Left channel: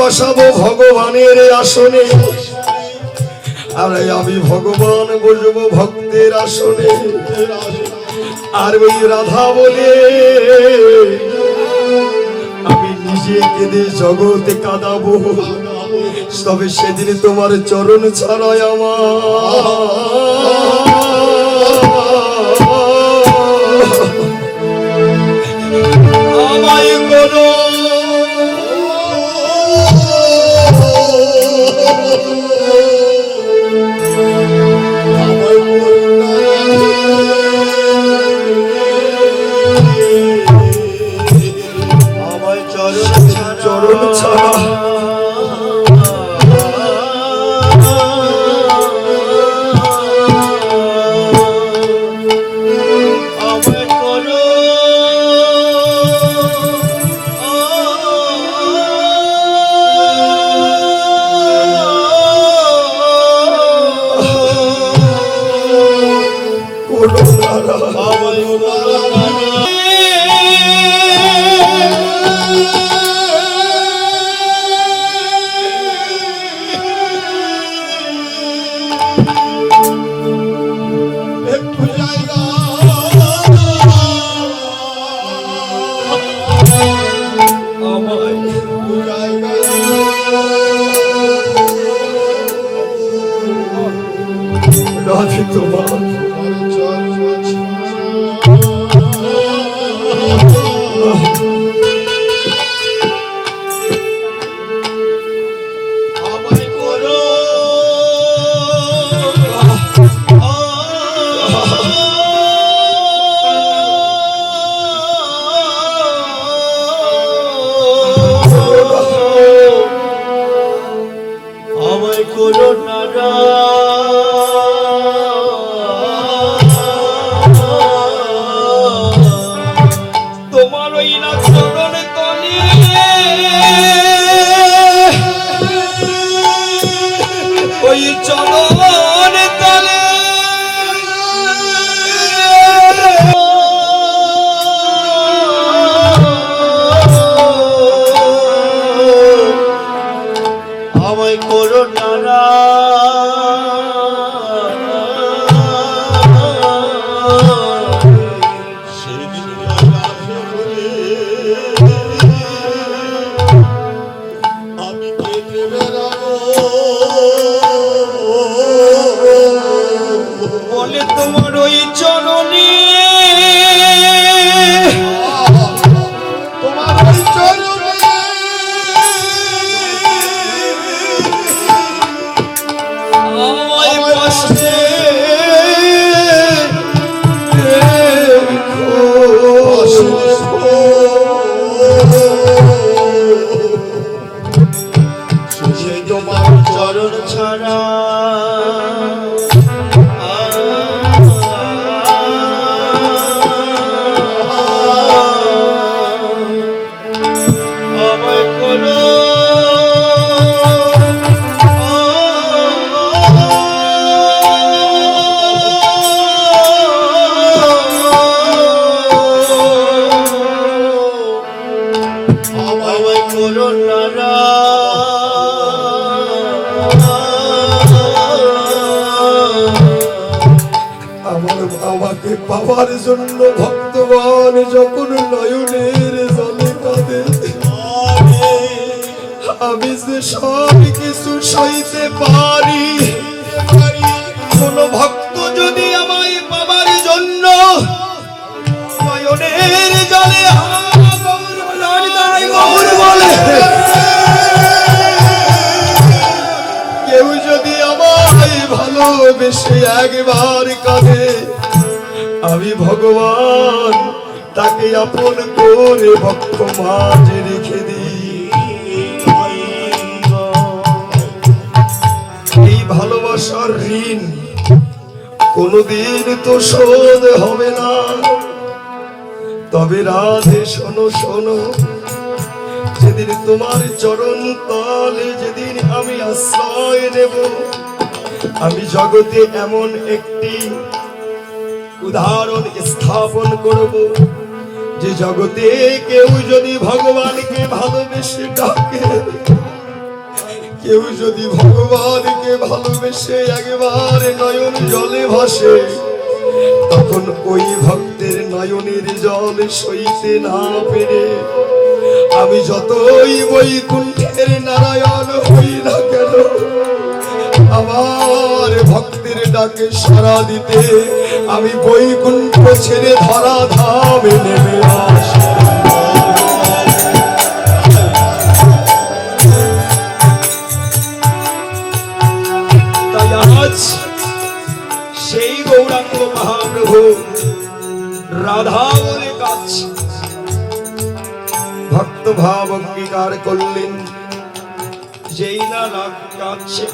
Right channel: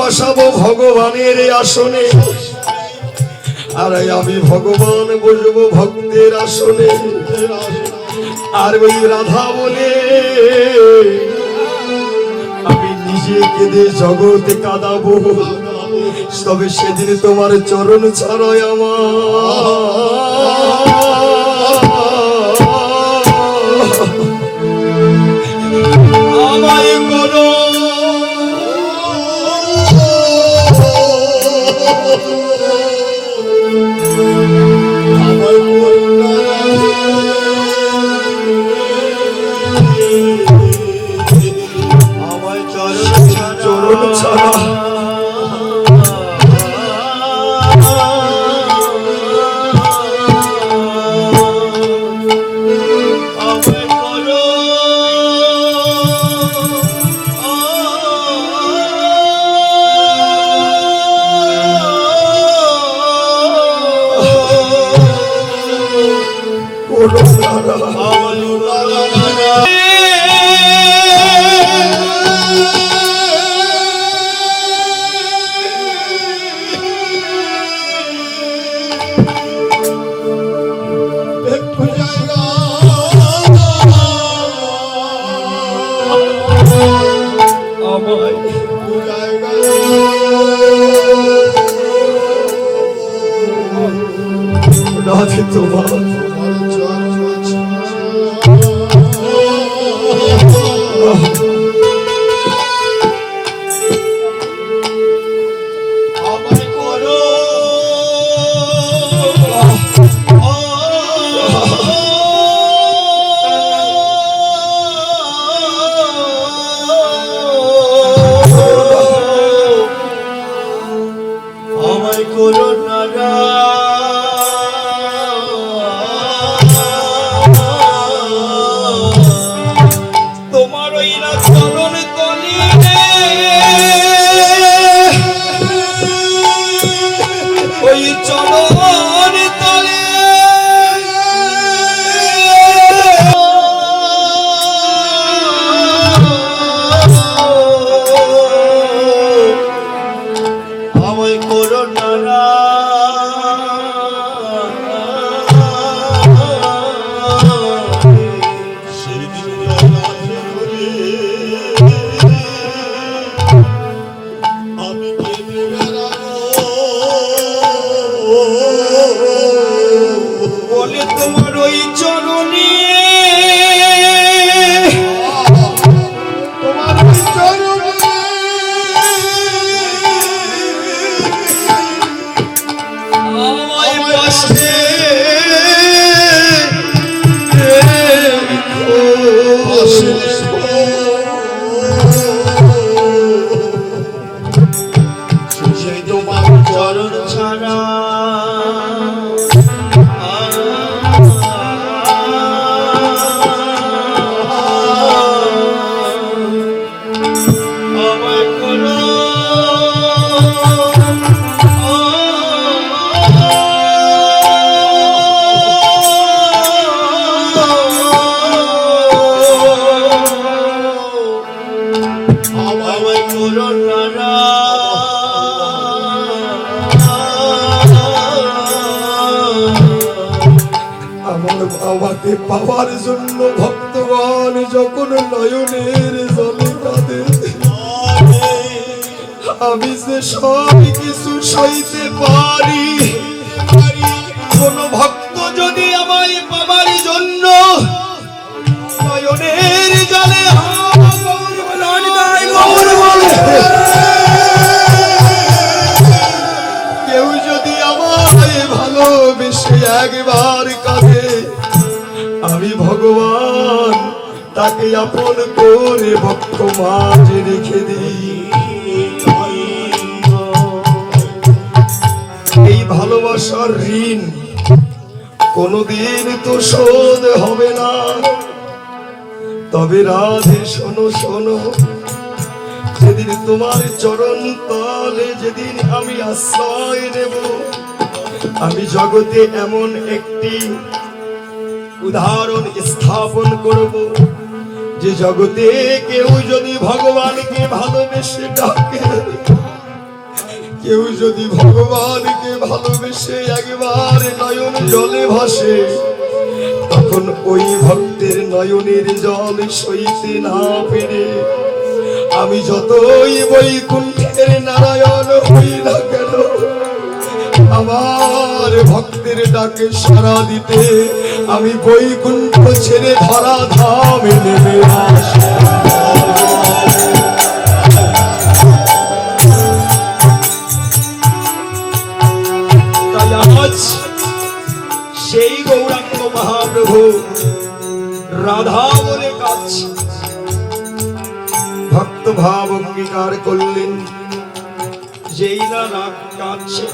বসাবো ভগবানের আসনে, আর আমি ভগবান বসবো ভক্তের আসনে। আর ওই রাধা বলে আমি নিজে কেঁদে জগতে কাঁদাবো, তবে সেদিন তোমার চরণ ছাড়াই আমায় করো পাওয়ার জন্য ভক্তগণ যখন নয়নের জলে কাঁদে, আমি যে সব কিছু সইতে পারি, কোন ভক্ত যদি আমায় পাবার জন্য নয়নের জলে কেউ যদি আমায় ভালোবেসে একবার কাঁদে, আমি ভগবান তাকে আপন করে ভক্ত মাঝে রেখে দিই। এই ভালোবাসার ঋণ কোনদিন তো শোধ হবে না। তবে রাধে শোনো শোনো, যেদিন তোমার চরণ তলে যেদিন আমি আশ্রয় নেব, আমি জগতে এমন একটি উদাহরণ স্থাপন করব যে জগতে কেউ যদি ভগবানকে ভালোবেসে ডাকে, কেউ যদি ভগবানকে ভালোবেসে একবার নয়ন জলে ভাসে, তখন ওই ভক্তের নয়নের জল সইতে না পেরে আমি যতই বৈকুণ্ঠের নারায়ণ হই না কেন, আমার ভক্তের ডাকে সাড়া দিতে আমি বৈকুণ্ঠ ছেড়ে ধরা ধামে নেমে আসি। তাই আজ সেই গৌরাঙ্গ মহাপ্রভু রাধা বলে কাঁদছে, ভক্ত ভাব অঙ্গীকার করলেন, যেই না রাগ কাঁদছে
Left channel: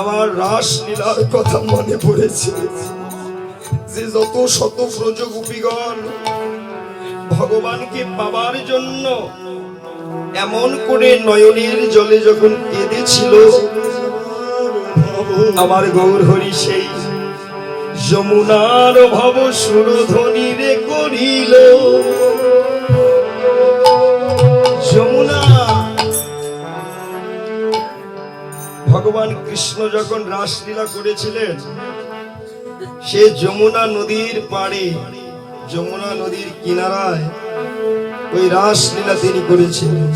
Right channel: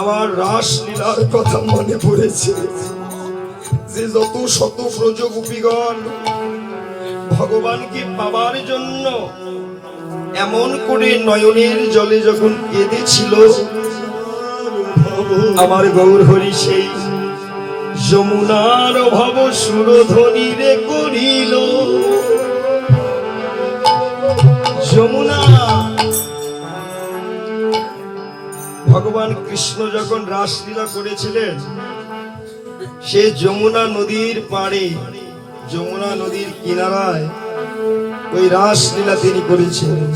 আমার রাসলীলার কথা মনে পড়েছে, যে যত শত ব্রজ গোপীগণ ভগবানকে পাবার জন্য এমন করে নয়নের জলে যখন কেঁদেছিল, আমার গৌর হরি সেই যমুনার ভব সুরধ্বনি রে করিল। যমুনা, ভগবান কৃষ্ণ যখন রাসলীলা করেছিলেন, সে যমুনা নদীর পাড়ে, যমুনা নদীর কিনারায় ওই রাসলীলা তিনি করেছিলেন।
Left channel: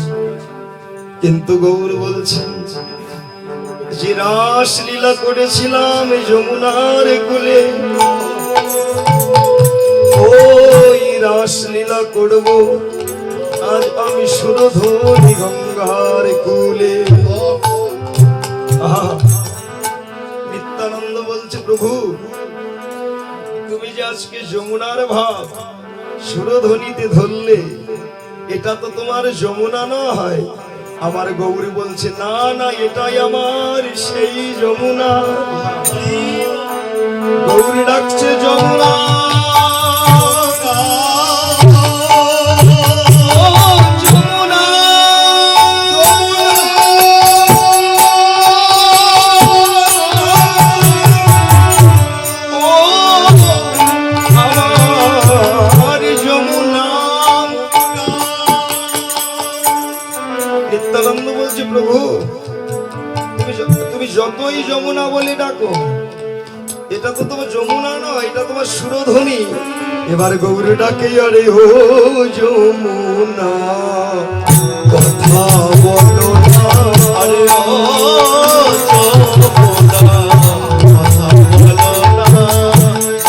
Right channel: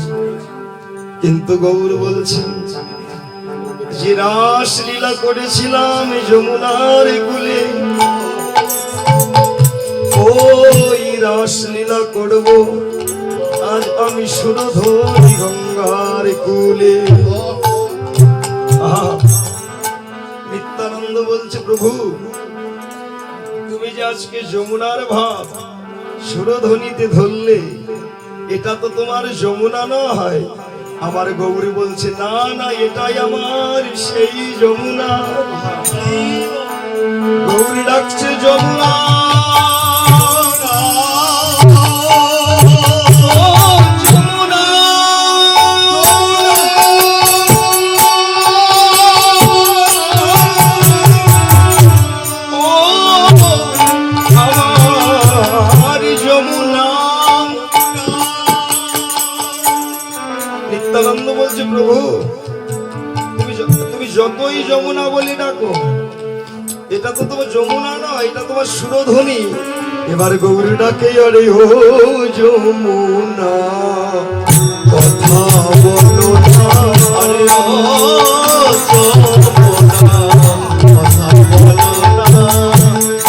কিন্তু গৌর বলছেন, যে রাসলীলা করেছিলাম যমুনার কুলে, ওই রাসলীলা করব আজ আমি সুরধরি গঙ্গার কুলে। নিত্যানন্দ বলছে, প্রভু তুমি যে আজকে যমুনার ভাব সুরধ্বনিতে ধরলে, এটা তো তোমার যমুনা নয়। আমার গৌরী বলছে, না না, এটাই আমার সেই যমুনা। গৌরী ডাকছে, যমুনা যমুনা বলে ডাকো, এটা তো তোমার যমুনা নয়, এটা তোমার সুরধ্বনি। এবার গৌরী ডাকে, আরে ও যমুনা কথা বলো না, আরে ও যমুনা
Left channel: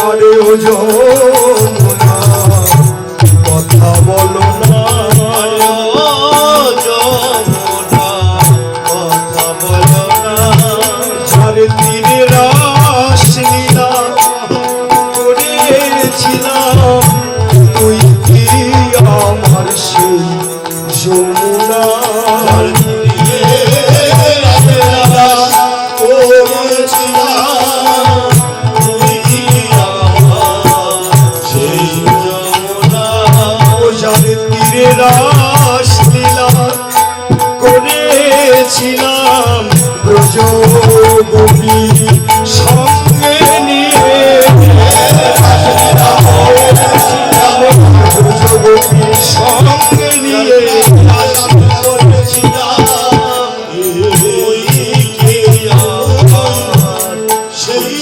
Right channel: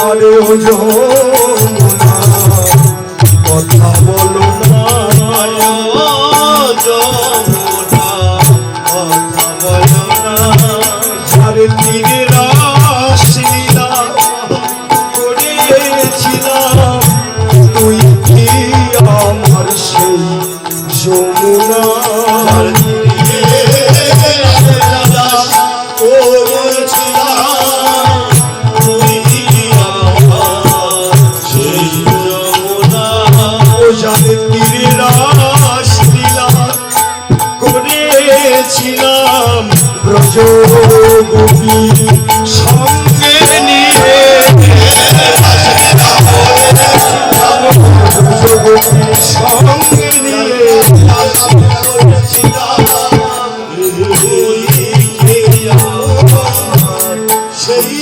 আরে ও যমুনা কথা বলো না, তীরে রাসলীলা করেছিলাম, তুই কি আমার সেই যমুনা তীরে রাসলীলা করেছিলাম, ব্রজ গোপী সঙ্গে নিয়ে, ব্রজ গোপী সঙ্গে নিয়ে সেই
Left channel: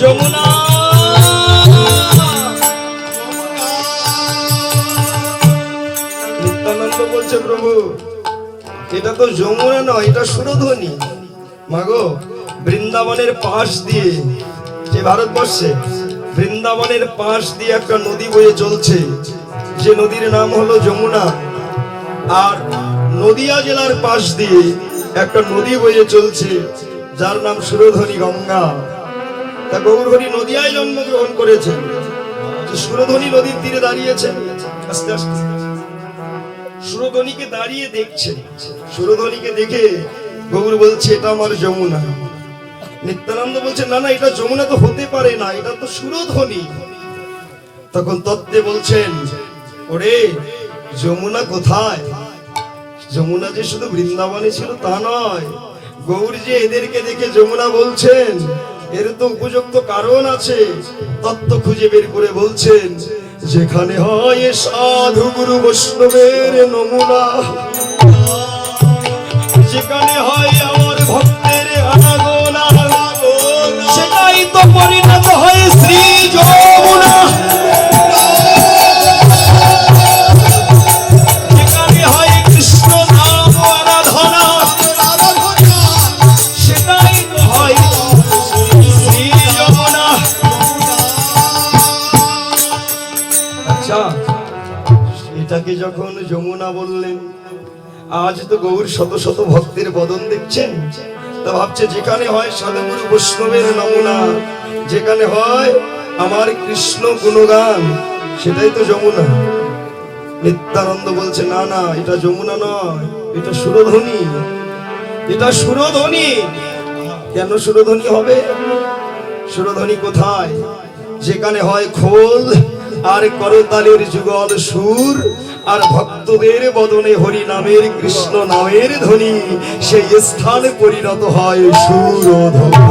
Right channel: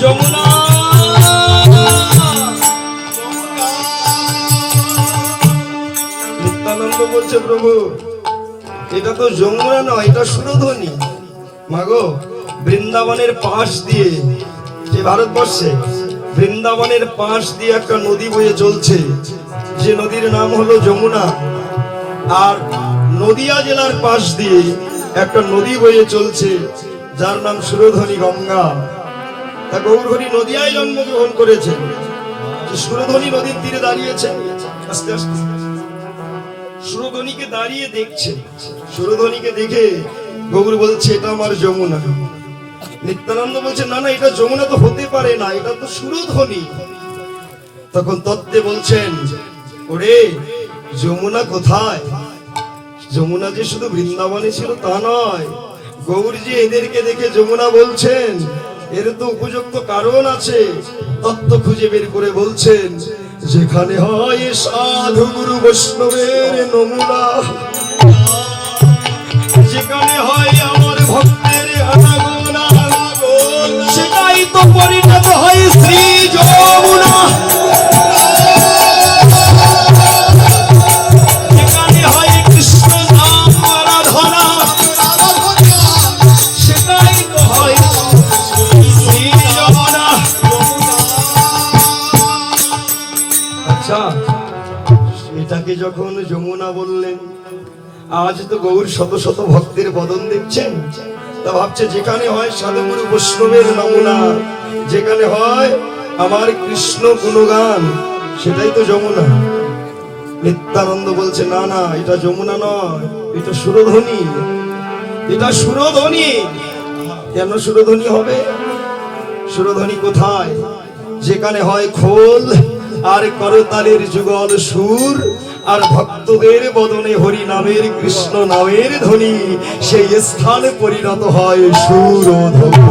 যমুনা। নিত্যানন্দ বলছে, প্রভু এটা তো যমুনা নয়, এটা সুরধ্বনি। মাগো, বৃন্দাবনের পাশ দিয়ে, যে ভারতবর্ষে বৃন্দাবনের পাশ দিয়ে একটা নদী বয়ে চলছে, যে নদীর নাম হলো যমুনা। আর নদিয়া জেলার পাশ দিয়ে একটা নদী বয়ে চলছে, যার নাম সুরধ্বনি গঙ্গা। তা গৌর হরি নদিয়ায় জন্মগ্রহণ করেছেন, সুরধ্বনি নদীর তীরে দাঁড়িয়েছেন। আস্তে আস্তে সুরধ্বনিকে দাঁড়িয়ে দেখছেন, সুরধ্বনিকে দেখে গৌর বলছে, এটা আমার যমুনা। নিত্যানন্দ বলছে, না না, এটা যমুনা তো হতে পারে না, এটা তো সুরধ্বনি। তখন তত্ত্বে বলছেন, ওরে যমুনা কোথায়? যমুনা যে শুধু বৃন্দাবনে ছিল তা নয়, গৌর যে এদেরকে দেখে যমুনা বলছেন, এর তো উপযুক্ত কারণ আছে। তত্ত্ব খুঁজে বের করে বলছেন, যেখানে হয় সাধু গুরু বৈষ্ণবের নমুনা, যেখানে হয় আমার ভক্তের আনাগোনা, সেটাই তো পরিণত হয় শ্রী যমুনা। যেখানে হয় কৃষ্ণ নাম আরাধনা, সেটাই তো হয় শ্রী যমুনা। আচ্ছা, এটাকে যখন যমুনা বললেন, আজ তো গৌর শত শত ভক্তের বদন দেখছেন, তা ভাবছে যেখানে হয় সাধুগুরু বৈষ্ণবের নমুনা, যেখানে হয় আমার কৃষ্ণ গুণগান, সেটাই তো যমুনা। নিত্যানন্দ বলছে না না, এটা যমুনা নয়, এটা সুরধ্বনি, এটা সুরধ্বনি। কেন সুরধ্বনি হবে? সুরধ্বনি কোথায়? যেখানে হয় খোল আর করতালের যুগল সুর, আর ভক্তদের বদনে হরি নামের কৃষ্ণ নামের ধ্বনি, সেই স্থানে পরিণত হয় সুরধ্বনি।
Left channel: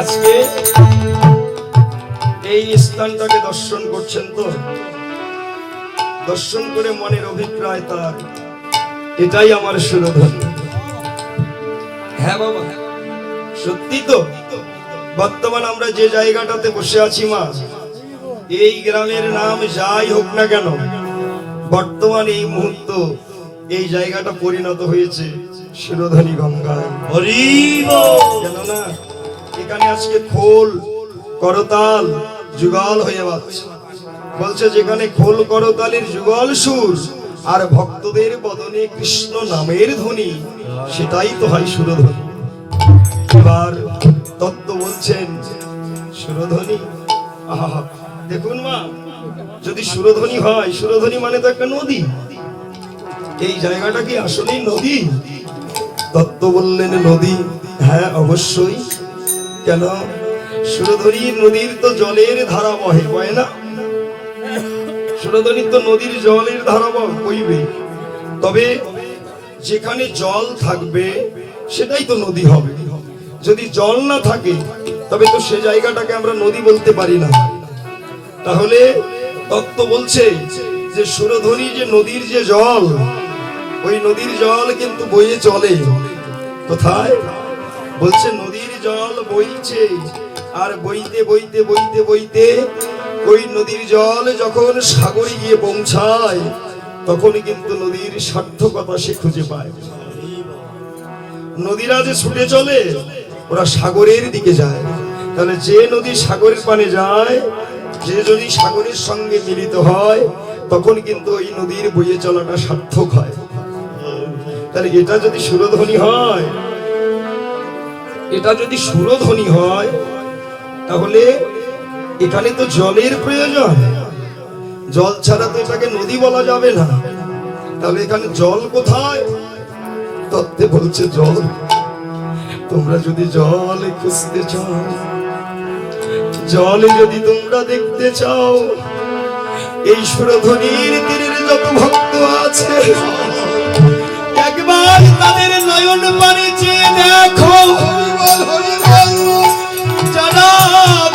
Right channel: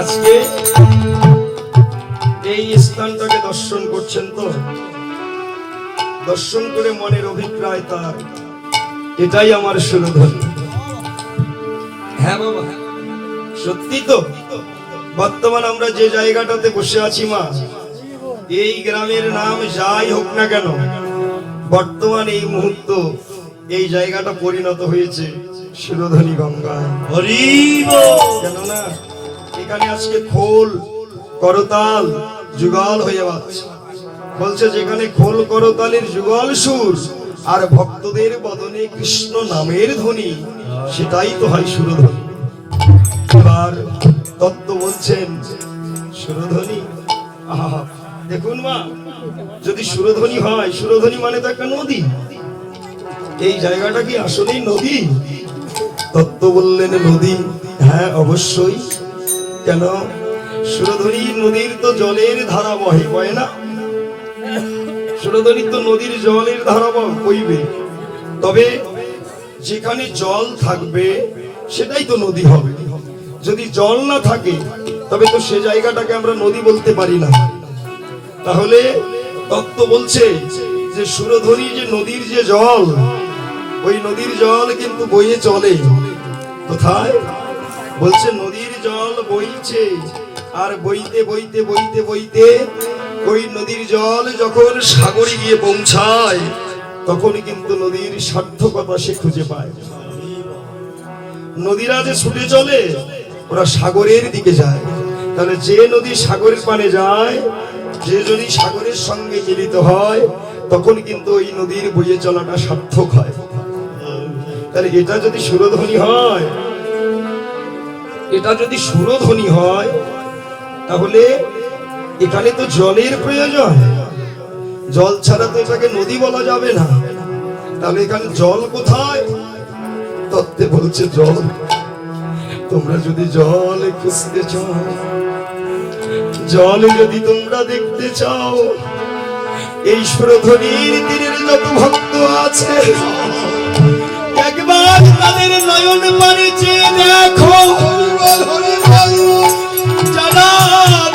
আজকে এই স্থানটাকে দর্শন করছেন তো, দর্শন করে মনের অভিপ্রায় তার এটাই আমার সুরধ্বনি। হ্যাঁ বাবা, সত্যি তো। বর্তমান আমরা যে জায়গাটাতে বসে আছি মা, এই গ্রামের নাম যাই হোক না কেন, বর্তমান এই মুহূর্ত এই জায়গাটা পরিণত হয়েছে সুরধ্বনি গঙ্গায়। কেননা এখানে আজকে খোল করতাল যুগল হয়ে যাচ্ছে। বলছে যেখানে খোল করতালের যুগল সুর আর ভক্তদের বদনে কৃষ্ণ নামের ধ্বনি, সেটাই তো হয় সুরধ্বনি। এবার তত্ত্ব বলছেন সুরধ্বনি। আহা, দেখুন মা, যদি সুরধ্বনি হয়, সুরধ্বনি মানে তো একটা নদী, এই জায়গাটা কি আসলেই নদী? তত্ত্ব বললেন নদী। হ্যাঁ অবশ্যই। কেন? সুরধ্বনি নদীর তো জলের ধারা বহে, বহে না? সুরধ্বনি তো নদীর জলের ধারা বইবে, তবে যেখানে জল থাকবে সেটাই তো নদী হবে। যদি জল না থাকে তবে তো সে জায়গাটাকে আমরা নদী বলতে পারি না। তাহলে তত্ত্ব বলছে যে সুরধ্বনি যে নদীর যে জল, ওই নদীর জল কিন্তু বয়ে চলে কোথায়? বলছে নদীর জল বইছে, আর বইতে বইতে বইতে বইতে ওই নদীর জল যখন সাগরে গিয়ে পৌঁছায়, তখন কিন্তু নদীর সার্থকতা সে খুঁজে পায়। নদীরা যে ছুটে চলে, ওরা সাগরের দিকে যায়। তাহলে যে নদী সাগরের পানে যায়, যে যদি সাগরের সঙ্গে মিলিত হয়, তখন কিন্তু ওই নদীর বয়ে চলাটা সার্থক হয়। তাহলে এটা যদি সুরধ্বনি হয়, এটা যদি সুরধ্বনি হয়, তাহলে এখানে তো জলের প্রয়োজন। জল ছাড়া তো এটাকে নদী বলা যাবে না। তাহলে এখানে জল কোথায়? তত্ত্বে বলছে জল। তোমরা যদি জল খুঁজতে চাও, জল যদি তোমরা দেখতে চাও, এই সুরধ্বনির তীরের যত ভক্ত আছে, একবার তাদের নয়ন পানে চেয়ে দেখো। যারা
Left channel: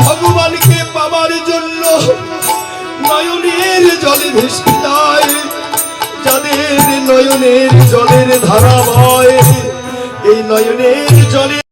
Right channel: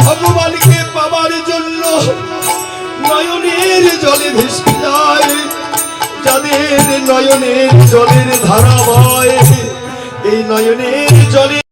ভগবানকে পাবার জন্য নয়নের জলে ভেসে যায়, যাদের নয়নের জলের ধারা বয়, এই নয়নের জলে